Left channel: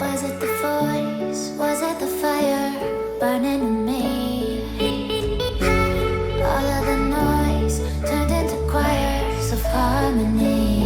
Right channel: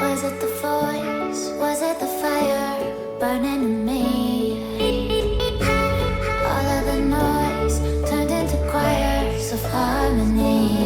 Was it the voice? Was it the fire burning in me? All of the noise turned into choirs of harmony.